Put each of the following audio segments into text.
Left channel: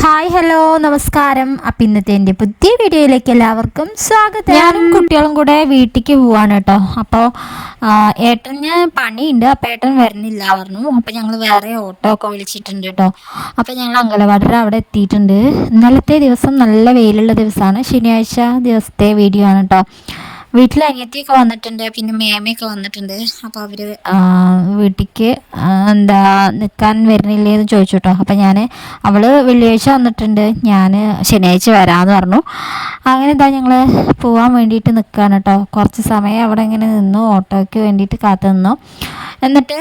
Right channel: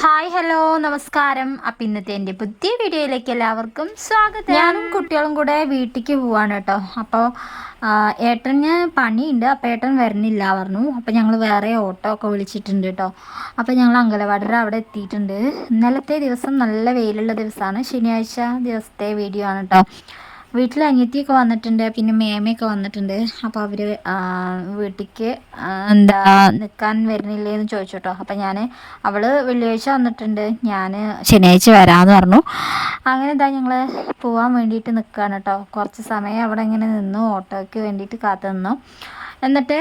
Hi hello നമസ്കാരം. അപ്പം ഇന്നത്തെ എന്റെ പുതിയ വീഡിയോയിലേക്ക് എല്ലാവർക്കും സ്വാഗതം. ഞാനും കുട്ടികളും കൂടെ വീട്ടിലേക്ക് പോവാണ് കേട്ടോ. അപ്പോൾ ഏട്ടന് പണിയുണ്ട്. അപ്പോൾ ഏട്ടൻ വരുന്നില്ല പറഞ്ഞു. അപ്പോൾ ഞങ്ങൾ വേറെ ഓട്ടോ ഒക്കെ വിളിച്ചിട്ടുണ്ട് കേട്ടോ. അപ്പോൾ ഞങ്ങൾ അങ്കലവാടിയുടെ അവിടെ എത്തിയിട്ടുണ്ട്. ഇന്നലത്തെ ദിവസം നല്ല വെയിലുള്ള ദിവസമാണ്. ശനിയാഴ്ച ദിവസത്തെ വീഡിയോ ആണ് കേട്ടോ. വീട്ടിൽ അനിയത്തിയൊക്കെ വന്നിട്ടുണ്ട് പിന്നെ മേമയൊക്കെ വന്നിട്ടുണ്ട്. അപ്പോൾ അവർ വീട്ടിലേക്ക് എന്താ നിൽക്കാൻ വരുന്നില്ലേ എന്ന് ചോദിച്ചു കേട്ടോ അപ്പോൾ ഞാൻ അവൾ വെള്ളിയാഴ്ച വന്നിട്ടുണ്ട്. ഞാൻ ശനിയാഴ്ച വരാമെന്ന് പറഞ്ഞു. അങ്ങനെ എന്താ ഞങ്ങൾ പോകാൻ വേണ്ടിയിട്ട് നിൽക്കുകയാണ് കേട്ടോ കുറച്ച് സമയം അവിടെ ഇങ്ങനെ നിന്നു ഓട്ടോയ്ക്ക് വേണ്ടിയിട്ട് കാത്തു നിന്നു. എന്നിട്ട്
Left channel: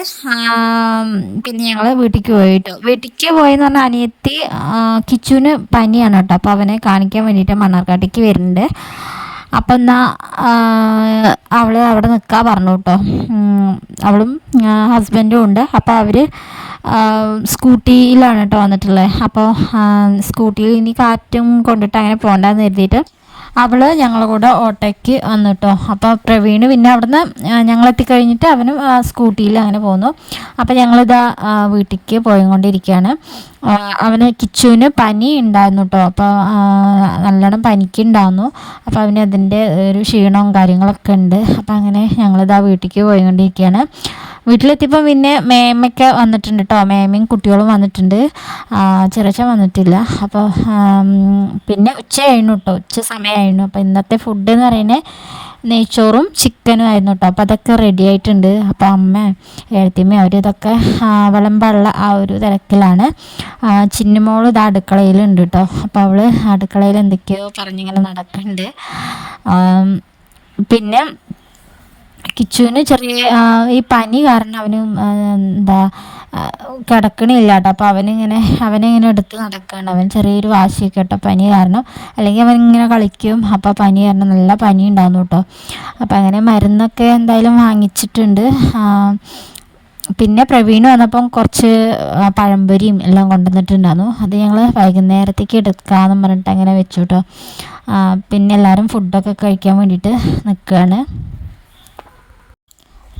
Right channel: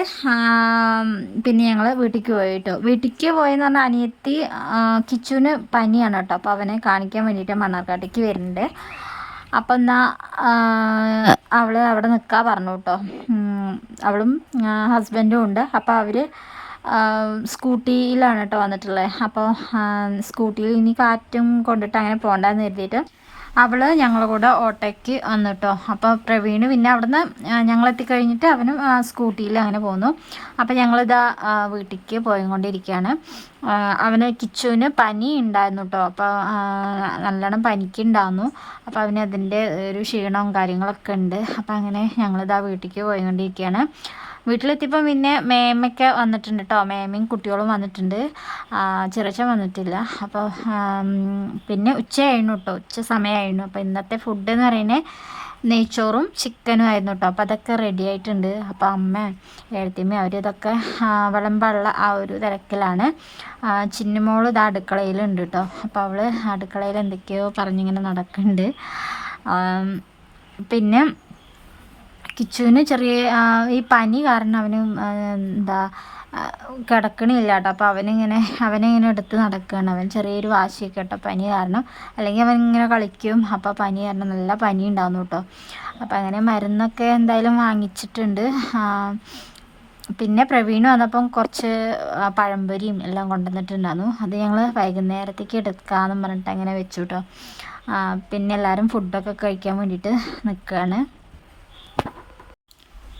പിന്നെ ഞങ്ങൾ വീട്ടിലേക്ക് പോയി കേട്ടോ വീട്ടിലേക്ക് പോയെന്ന് പറഞ്ഞാൽ അനിയത്തി കിച്ചുവിന് പനിയാണ് കേട്ടോ അപ്പോൾ അവനെ കാണിക്കാൻ വേണ്ടിയിട്ട് മണ്ണാർക്കാട്ടേക്ക് വരുന്നുണ്ട്. അപ്പം എന്നാ അവൾ അവിടെ നിൽക്കാൻ പറഞ്ഞു കേട്ടോ. അവളും ഹസ്ബൻഡും ഉണ്ട്. അപ്പോൾ അവർ സ്കൂട്ടിയിലാണ് കേട്ടോ വന്നിട്ടുള്ളത് അപ്പോൾ സ്കൂട്ടിയിൽ ഇനി കാറ്റും കൊണ്ടിട്ട് അങ്ങനെ പോകണ്ടെന്ന് കരുതിയിട്ട് അവൾ ഞങ്ങളെ കൂടെ ഓട്ടോയ്ക്ക് വന്നു കേട്ടോ അപ്പോൾ പ്രവീൺ പിന്നെ അവിടുന്ന് ഞങ്ങളെത്തിക്കഴിഞ്ഞിട്ട് അവനും സ്കൂട്ടിയിൽ അങ്ങനെ പോന്നു. അപ്പോൾ ഞങ്ങളിതാ വീട്ടിലേക്ക് പോയിക്കൊണ്ടിരിക്കുകയാണ് അവന് കിച്ചുവിന് പനി ഉണ്ടായിരുന്നു കേട്ടോ അപ്പോൾ നല്ലോണം പനിക്ക് ഉണ്ടായിരുന്നു അപ്പോൾ അവന് അതിന്റെ ഒരു ക്ഷീണവും കാര്യങ്ങളൊക്കെ ഉണ്ട്. അപ്പോൾ അങ്ങനെ ഞങ്ങളിതാ വീട്ടിലേക്ക് പോയിക്കൊണ്ടിരിക്കുകയാണ് വീട്ടിലെത്തിയപ്പോൾ പിന്നെ മേമയ്ക്ക് വന്നിട്ടുണ്ട് കേട്ടോ മേമയും കുട്ടികളും വന്നിട്ടുണ്ട്. ചെറിയ വന്നിട്ടില്ല. അപ്പോൾ പിന്നെ ഉച്ചയായിരുന്നു കേട്ടോ ഉച്ച സമയമായിരുന്നു അപ്പോൾ ഇന്നത്തെ ഫുഡ് എന്ന് പറയുന്നത് നെയ്ച്ചോറും ചിക്കനും ആയിരുന്നു കേട്ടോ അപ്പോൾ അതൊക്കെ റെഡി ആയിട്ടുണ്ട്. അപ്പോൾ അമ്മ എഴുത്തിയമ്മ അവരിതൊക്കെ വിളമ്പുള്ള ആ ഒരു തിരക്കിലാണ്. ചിന്നുമോൾ ഇത് അടുക്കളയിലുണ്ട് കേട്ടോ അപ്പോൾ അവൾ അടുക്കളയിൽ എന്തൊക്കെയോ പറഞ്ഞിങ്ങനെ നടക്കുന്നുണ്ട് പിന്നെ കിച്ചുവിന് ചെറിയ ഈ പനി കാരണം അവന് എന്താ കിടക്കണില്ല കേട്ടോ. അപ്പോൾ അവനിങ്ങനെ അവനിങ്ങനെ എടുത്ത് നടക്കുകയാണ് അവൻ ചെറിയൊരു വാശിയൊക്കെ കേട്ടോ പനി കാരണം. അല്ലെങ്കിൽ അവൻ ഇങ്ങനെ കളിക്കും അപ്പോൾ പനി കാരണം നല്ല പനി ഉണ്ടാകുന്നു കേട്ടോ. അപ്പോൾ അങ്ങനെ മരുന്നൊക്കെ എന്തായാലും വാങ്ങിച്ചിട്ടുണ്ട്. പിന്നെ പ്രവീൺ വന്നപ്പം കുറച്ച് പഴംപൊരിയും എല്ലാം കൊണ്ടുവന്നിട്ടുണ്ടായിരുന്നു. അത് ഞങ്ങൾ വൈകുന്നേരത്തേക്ക് എടുക്കാമെന്ന് പറഞ്ഞിട്ട് അങ്ങനെ വെച്ചു കേട്ടോ. പിന്നെ എല്ലാവരും ഫുഡൊക്കെ കഴിക്കാൻ വേണ്ടിയിട്ട് നിൽക്കുകയാണ്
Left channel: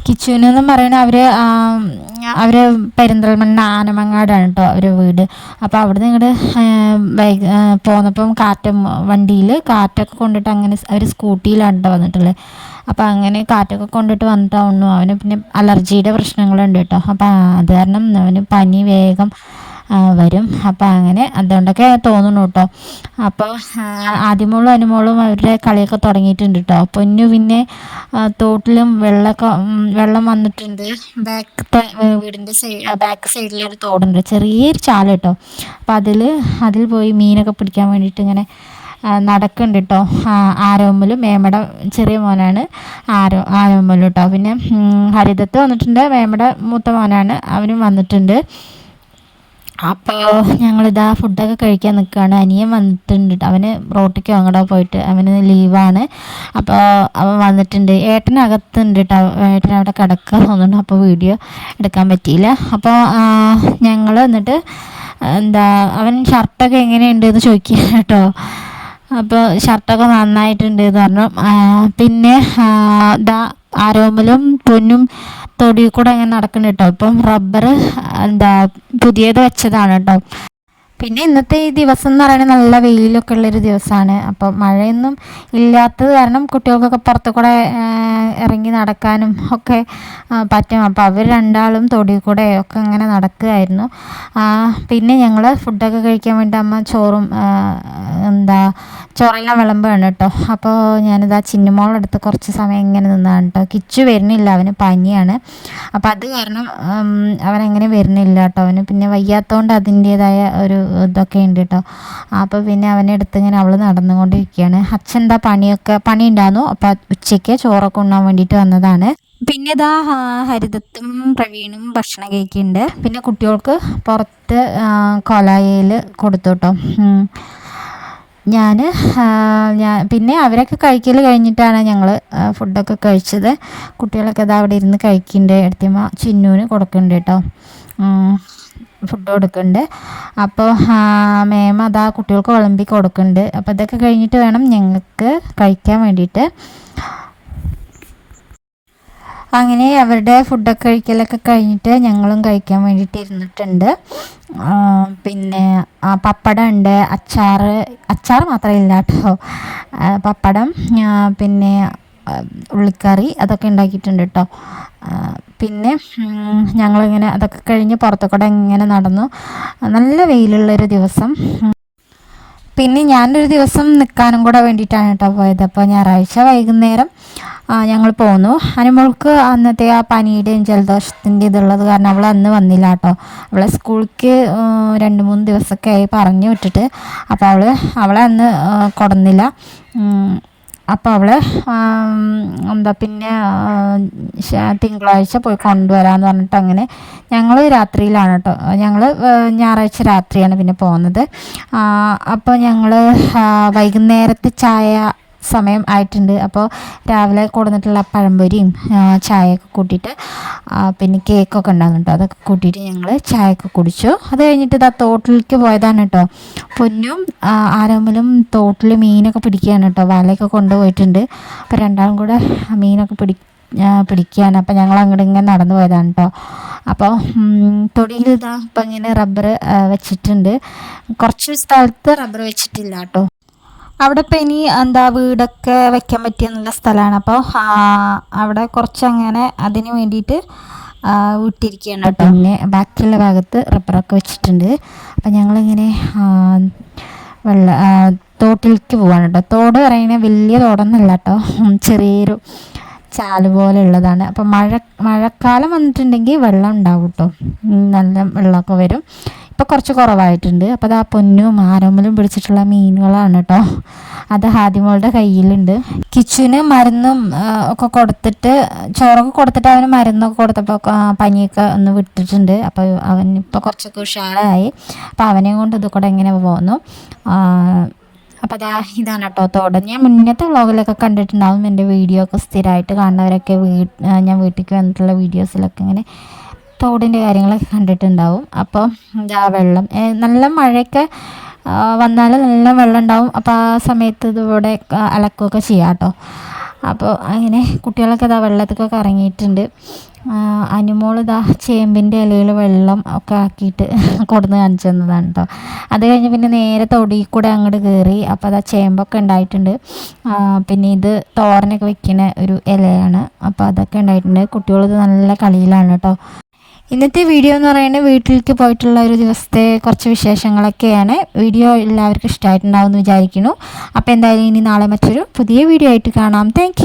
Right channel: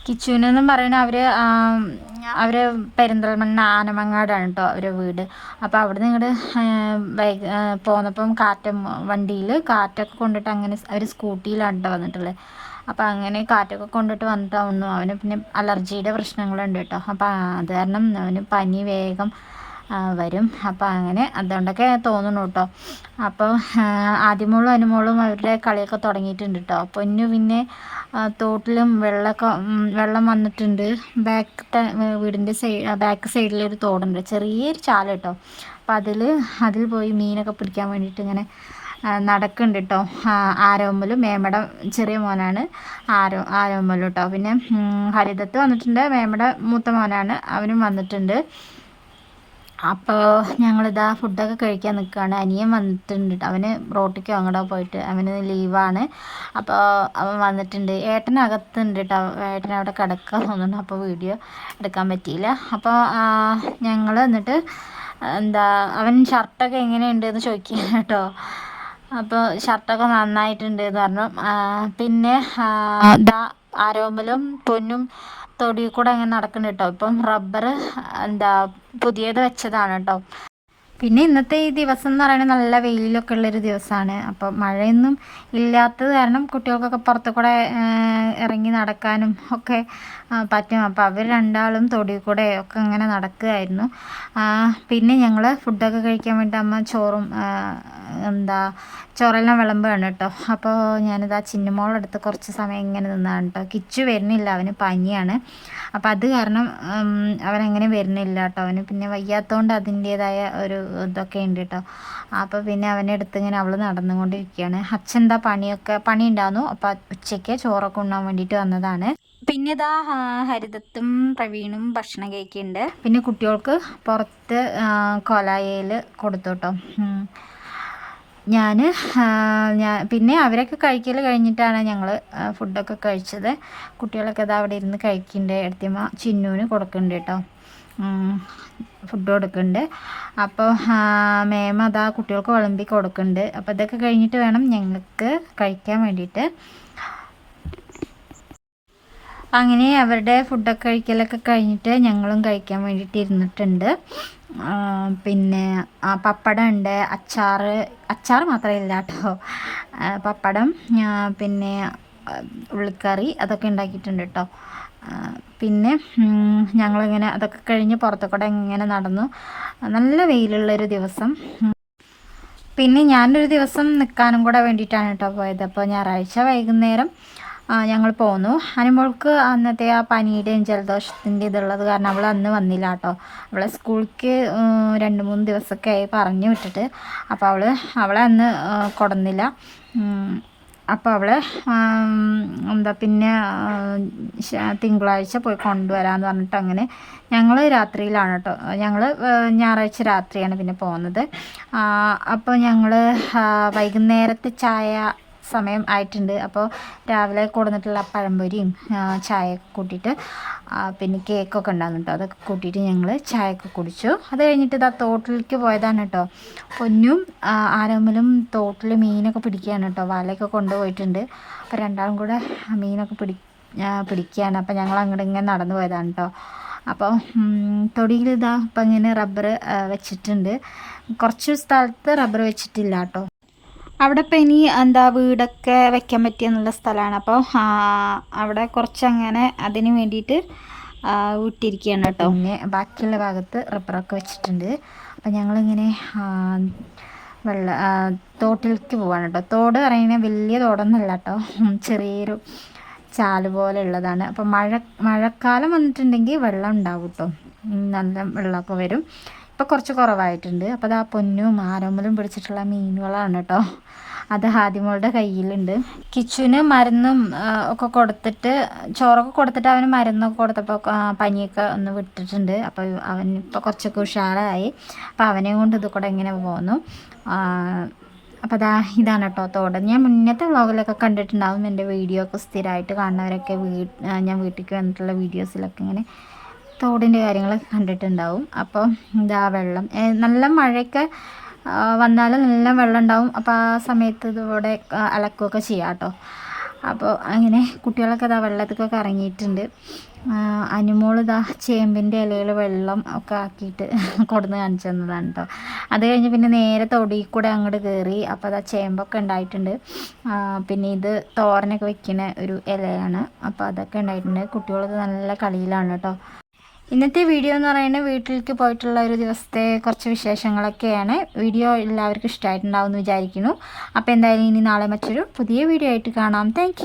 കിച്ചുനെന്നും പറയുന്ന അവർ അവർ പെരിന്തൽമണ്ണ ആനമങ്ങാടാണ് കേട്ടോ അവരെ വീട്. അപ്പോൾ അവിടെ ഇങ്ങോട്ട് ബൈക്ക് പോന്നപ്പം കാറ്റ് വണ്ടിയിൽ കാറ്റൊക്കെ കൊണ്ടിട്ട് അങ്ങനെ അവർ സ്കൂട്ടിയിലാണ് കേട്ടോ വന്നിട്ടുള്ളത് അപ്പോൾ അങ്ങനെ കാറ്റൊക്കെ കൊണ്ടിട്ട് വന്നിട്ടാവുന്നു അവന് പിന്നെ അലർജിയുടെ പ്രശ്നങ്ങളുണ്ട് കേട്ടോ അപ്പോൾ അത് കാരണം അവന് പനി വേഗം വരും. അപ്പോൾ അങ്ങനെ അതുകൊണ്ടൊക്കെ തോന്നുന്നു കേട്ടോ അപ്പോൾ ആദ്യമോളും അനുമോളും അവരുടെ കളിയൊക്കെ തുടങ്ങിയിട്ടുണ്ട് കേട്ടോ പൊന്നു പിന്നെ തോട്ടിലും വെള്ളമൊക്കെ വെള്ളം വന്നിട്ടുണ്ട്. ബാക്കത്തെ വീടിന്റെ സൈഡ് ബാക്ക് സൈഡിലൊരു തോടുണ്ട്. ചെറിയൊരു ചാല കേട്ടോ അപ്പോൾ അതിൽ അതിൽ പോയി മീനൊക്കെ പിടിക്കാൻ വേണ്ടിയിട്ട് ഇങ്ങനെ നടക്കുന്നുണ്ട് കേട്ടോ ആരോമ്പലും മേമട ചെറിയ മോനാണ് ആരോ ആരോമ്പലും കേട്ടോ പിന്നെ ഹരിതത്ത് വന്നിട്ടുണ്ട്. മേമട മൂത്ത മോനാണ്. അവനും വന്നിട്ടുണ്ട്. അപ്പോൾ ഞങ്ങളിതാ ഫുഡൊക്കെ കഴിക്കാൻ നിൽക്കുകയാണ് അനിയൻ വന്നിട്ടുണ്ട് അവന് റോട്ടിക്ക് അങ്ങോട്ട് പോയിട്ട് അവന് ലീവാണ് അപ്പോൾ അവൻ വന്നിട്ടുണ്ട് ഏട്ടനകത്തുണ്ട് കേട്ടോ ഏട്ടൻ അവിടെ കിടക്കുക തോന്നുന്നുണ്ട് അപ്പോൾ വീഡിയോ എടുക്കാൻ പറ്റിയില്ല അപ്പോൾ ഞങ്ങൾ എന്നിട്ട് എന്താ അവൻ ഷർട്ടൊക്കെ എങ്ങനെയുണ്ട് എന്ന് ചോദിക്കുക കേട്ടോ അപ്പോൾ ഷർട്ടൊക്കെ നന്നായിട്ടുണ്ട് എന്ന് പറഞ്ഞു പിന്നെ ദാ ആരോമലും പൊന്നും തൊടി കൂടെ ഇങ്ങനെ നടക്കുന്നുണ്ട് കേട്ടോ അപ്പം റബ്ബർ എന്താ പുതിയത് വെച്ചതാണ് കേട്ടോ പിന്നെ ഇന്നത്തെ ഈ ദിവസം എന്ന് പറയുന്നത് നല്ല വെയിലൊക്കെ ഉള്ളൊരു ദിവസമാണ്. അപ്പോൾ മഴയൊന്നും ഇല്ലാത്തത് കാരണം കുട്ടികൾക്കൊക്കെ പുറത്തു കൂടെ ഇറങ്ങി നടക്കാനും ഒക്കെ പറ്റും. അപ്പോൾ അവർ രണ്ടാളും തൊടി കൂടെ ഒക്കെ ഇങ്ങനെ നടക്കുകയായിരുന്നു. പിന്നെ ഞങ്ങൾ ഫുഡൊക്കെ കഴിക്കാൻ വേണ്ടി അമ്മ ചോറും എന്താ ചോറെല്ലാം വിളമ്പാണ് കേട്ടോ. അപ്പോൾ ഞാനിത് ആ ചിന്നുമോളെടുത്ത് കുറച്ച് സമയം ഇങ്ങനെ നിന്നാണ് കേട്ടോ. കിച്ചു വരുന്നില്ല അവന് പനിയാണ്. അപ്പോൾ അത് കാരണം അവനങ്ങനെ വരുന്നില്ല കേട്ടോ. അവന് പിന്നെ വയ്യാത്തതുകൊണ്ട് അതിന്റേതായ ഒരു ഇതൊക്കെ ഉണ്ട് കേട്ടോ അപ്പോൾ പിന്നെ അവനെ അടുത്ത് ഇങ്ങനെ അവൾ നടന്നുകൊണ്ടിരിക്കുകയാണ്. അച്ഛൻ എന്താ പണിയൊക്കെ പണി ഉണ്ടായിരുന്നു അപ്പോൾ ഉച്ചയ്ക്ക് ചോറൊക്കെ ഉണ്ണാൻ വേണ്ടിയിട്ട് വന്നതാണ്. പിന്നെ ഇതാ ഹരിതത്തും പ്രവീണും ഭക്ഷണം കഴിക്കുന്നുണ്ട്. പിന്നെ കുട്ടികൾക്ക് പുറത്ത് കൊലായയിൽ കൊടുത്തു കേട്ടോ ഞാൻ ഞാൻ പിന്നെ അവരൊക്കെ കഴിക്കൽ കഴിഞ്ഞിട്ടാണ് ഞങ്ങൾ ഫുഡൊക്കെ കഴിച്ചത്. കുട്ടികളൊക്കെ ഇതാ അവിടെ ഇരുന്ന് കഴിക്കുന്നുണ്ട്. എടുത്തിയമ്മ ചിന്നുവിന് കൊടുക്കുന്നുണ്ട് കേട്ടോ. ഫുഡ് കൊടുക്കുന്നുണ്ട് അപ്പോൾ മേമ അതാ കുട്ടികൾക്ക് വിളമ്പി കൊടുക്കുന്നുണ്ട് അപ്പോൾ അതൊക്കെ കഴിഞ്ഞിട്ട് വേണം ഞങ്ങൾക്ക് കഴിക്കാൻ വേണ്ടിയിട്ട്. അങ്ങനെ അവരുടെ ഫുഡൊക്കെ കഴിക്കലൊക്കെ കഴിഞ്ഞിട്ട് ഞങ്ങളും കഴിക്കാൻ വേണ്ടിയിട്ട് ഇരുന്നിട്ടുണ്ട്. പിന്നെ പപ്പടം ഉണ്ട്. അച്ചാർ അച്ചാർ മാത്രമില്ല കേട്ടോ പപ്പടം പിന്നെ ഉള്ളിക്കറി അതൊക്കെ ഉണ്ടാക്കിയിട്ടുണ്ട് കേട്ടോ പിന്നെ ഞങ്ങളിങ്ങനെ അതൊക്കെ കഴിഞ്ഞ് പുറത്തുകൂടെ ഇങ്ങനെ നടന്നു. നല്ല വെയിലുള്ളൊരു ദിവസം. പിന്നെ ഞാനൊരു ദിവസം നിൽക്കാനും കൂടെ വേണ്ടിയിട്ടാണ് കേട്ടോ പോയത്. അപ്പോൾ ഞായറാഴ്ച വൈകുന്നേരം ഞങ്ങൾ പോന്നു. അനുമോൾക്ക് അന്നത്തെ ആ പനിയുടെയും ജലദോഷത്തിന്റെ ഇതുള്ളത് കാരണം അവൾ അന്ന് വന്നില്ല കേട്ടോ. അവളെ സ്കൂളിലേക്ക് രണ്ട് മൂന്ന് ദിവസമൊക്കെ ആയി പറഞ്ഞു വിട്ടിട്ട്. അപ്പോൾ അവൾ അവളെ അന്ന് കൊടുന്നില്ല. അപ്പോൾ അവൾ എന്താ പിന്നെ തിങ്കളാഴ്ച പോയി കൊണ്ടുവരാമെന്ന് പറഞ്ഞിട്ട് അങ്ങനെ ഞങ്ങൾ രാത്രിയിലാണ് കേട്ടോ ഞങ്ങൾ ഞായറാഴ്ച രാത്രിയാണ് പിന്നെ പോകുന്നത് അപ്പോൾ ഞങ്ങൾ വൈകുന്നേരത്തെ ചായ സമയം ആയിട്ടുണ്ട്. അപ്പോൾ രാവിലെ കൊടുന്നിട്ടുള്ള പഴംപൊരിയും ചായയൊക്കെ കൂട്ടിയിട്ട് പിന്നെ കേക്കൊക്കെ ഉണ്ടാകും കേട്ടോ. അതൊക്കെ കൂട്ടിയിട്ട് ഞങ്ങൾ ചായയൊക്കെ കുടിച്ചു. അത് കഴിഞ്ഞിട്ട് ഇതാ തോട്ടിലേക്ക് പോയതാണ് കേട്ടോ. പൊന്നും ആരോമിലും തോട്ടിൽ മീനൊക്കെ പിടിക്കുകയാണ് കേട്ടോ. വലയൊക്കെ കൊണ്ടുപോയിട്ടുണ്ട്. അപ്പോൾ രണ്ടാളും കൂടെ മീനൊക്കെ പിടി പിടിക്കുകയാണ്. അപ്പോൾ ഞങ്ങൾ അങ്ങോട്ട് ഇങ്ങനെ നടന്നു പോയതാണ് കേട്ടോ. അപ്പോൾ തൊടിയിൽ ഇതാ ഇപ്പം ഇങ്ങനെ റബ്ബർ വെച്ചിട്ടുണ്ട്. കുറച്ച് സ്ഥലത്ത് റബ്ബർ വെച്ചിട്ടില്ല കേട്ടോ. അവിടെ ഇപ്പം ഇനി എന്താ വീടൊക്കെ വെക്കാൻ പറ്റിയ നല്ല സ്ഥലമാണ് അപ്പോൾ അവിടെ കുറച്ചങ്ങനെ അതിന് വേണ്ടിയിട്ട് വിട്ടിരിക്കുകയാണ് കേട്ടോ. പിന്നെ ബാക്കിയുള്ള ഭാഗത്ത് റബ്ബറൊക്കെ വെച്ചിട്ടുണ്ട്. അപ്പം ഞങ്ങളിങ്ങനെ വെള്ള തോട്ടിലേക്ക് പോവാണ് കേട്ടോ. തോട് പറയുന്നത് വലിയ തോടൊന്നുമല്ല കേട്ടോ. ചെറിയൊരു ചാൽ പോലെ ഉള്ളതാണ്. അപ്പോൾ മഴ മഴക്കാലം വന്നിട്ടുണ്ടെങ്കിൽ വെള്ളം ഉണ്ടാവും കേട്ടോ. നല്ല വെള്ളമൊക്കെ വരും. ഇപ്പം കുറച്ച് കുറവായിട്ടുണ്ട്. അപ്പോൾ അത് ആ പൊന്നും ആരോമലും പിടിച്ചിട്ടുള്ള മീനുകളാണ് കേട്ടോ അത് ഹാദിമോളുടെ കയ്യിലുണ്ട്. കിച്ചുവിന് മരുന്നും ഒക്കെ കൊടുത്തിട്ട് ചോറൊക്കെ കൊടുത്തിട്ട് അവന് മരുന്നൊക്കെ കൊടുത്തപ്പോൾ പനിയൊക്കെ ഒന്ന് വിട്ടിട്ടുണ്ട്. അപ്പോൾ അവൻ ഇപ്പോൾ കുറച്ചൊക്കെ ഉഷാറായി. അപ്പോൾ അവനെ കൊണ്ട് ഇത് കൂടെ ഇങ്ങനെ പോന്നു. ആ, അപ്പോൾ അതാ ഇതാണ് കേട്ടോ തോട്. ഞാൻ മുന്നത്തെ വ്ളോഗിലൊക്കെ കണ്ടിട്ടുണ്ടാവും. എന്റെ വീഡിയോ ഒക്കെ സ്ഥിരമായിട്ട് കാണുന്നവരൊക്കെ വീ ഞാൻ വീട്ടിലേക്ക് വന്നിട്ടുള്ള വീഡിയോസിലൊക്കെ ഇങ്ങനെ തോടിന്റെ കാര്യങ്ങളൊക്കെ കണ്ടിട്ടുണ്ടാവും. അപ്പോൾ ഇതാ വെള്ളം. നല്ല മഴയൊക്കെ വന്നാൽ നല്ല വെള്ളം ഉണ്ടാവും അപ്പോൾ ആ സമയത്ത് ഇതുപോലെ അലക്കുകയൊക്കെ ചെയ്യാം കേട്ടോ. അപ്പോൾ അങ്ങനെ കുട്ടികളൊക്കെ ഇതാ വെള്ളത്തിലൊക്കെ ഇറങ്ങിയിട്ടുണ്ട്. അനുമോൾ ഇതാ ചേമ്പിന്റെ ഇലയിൽ വെള്ളം ഒക്കെ ആക്കിയിട്ട് കൊടുന്ന് കാണിച്ചു തന്നതാണ് കേട്ടോ. അത് കഴിഞ്ഞ് പിന്നെ നേരെ തൊടിയിൽ കൂടെ അങ്ങോട്ട് കയറി. അപ്പോൾ അതാ ചേമ്പൊക്കെ ഉണ്ടായിട്ടുണ്ട്. പിന്നെ ഇത് തോരനൊക്കെ വെക്കുന്ന ഒരു ഇലയാണ്. അപ്പോൾ അതൊക്കെ ഉണ്ടായിട്ടുണ്ട്. കുട്ടികളിത് നല്ല കളിയിലാണ് കേട്ടോ. ഇന്നത്തെ വീഡിയോ എന്ന് പറയുന്നത് വീട്ടിലേക്ക് പോയിട്ടുള്ള ഒരു ദിവസത്തെ കുറച്ച് വിശേഷങ്ങളൊക്കെയാണ്. വീഡിയോ എല്ലാവർക്കും ഇഷ്ടമായിട്ടുണ്ടാവും എന്ന് വിചാരിക്കുന്നു. അപ്പോൾ എന്തായാലും ഇനി നാളെ മറ്റൊരു പുതിയ വീഡിയോ ആയിട്ട് കാണാം. താങ്ക്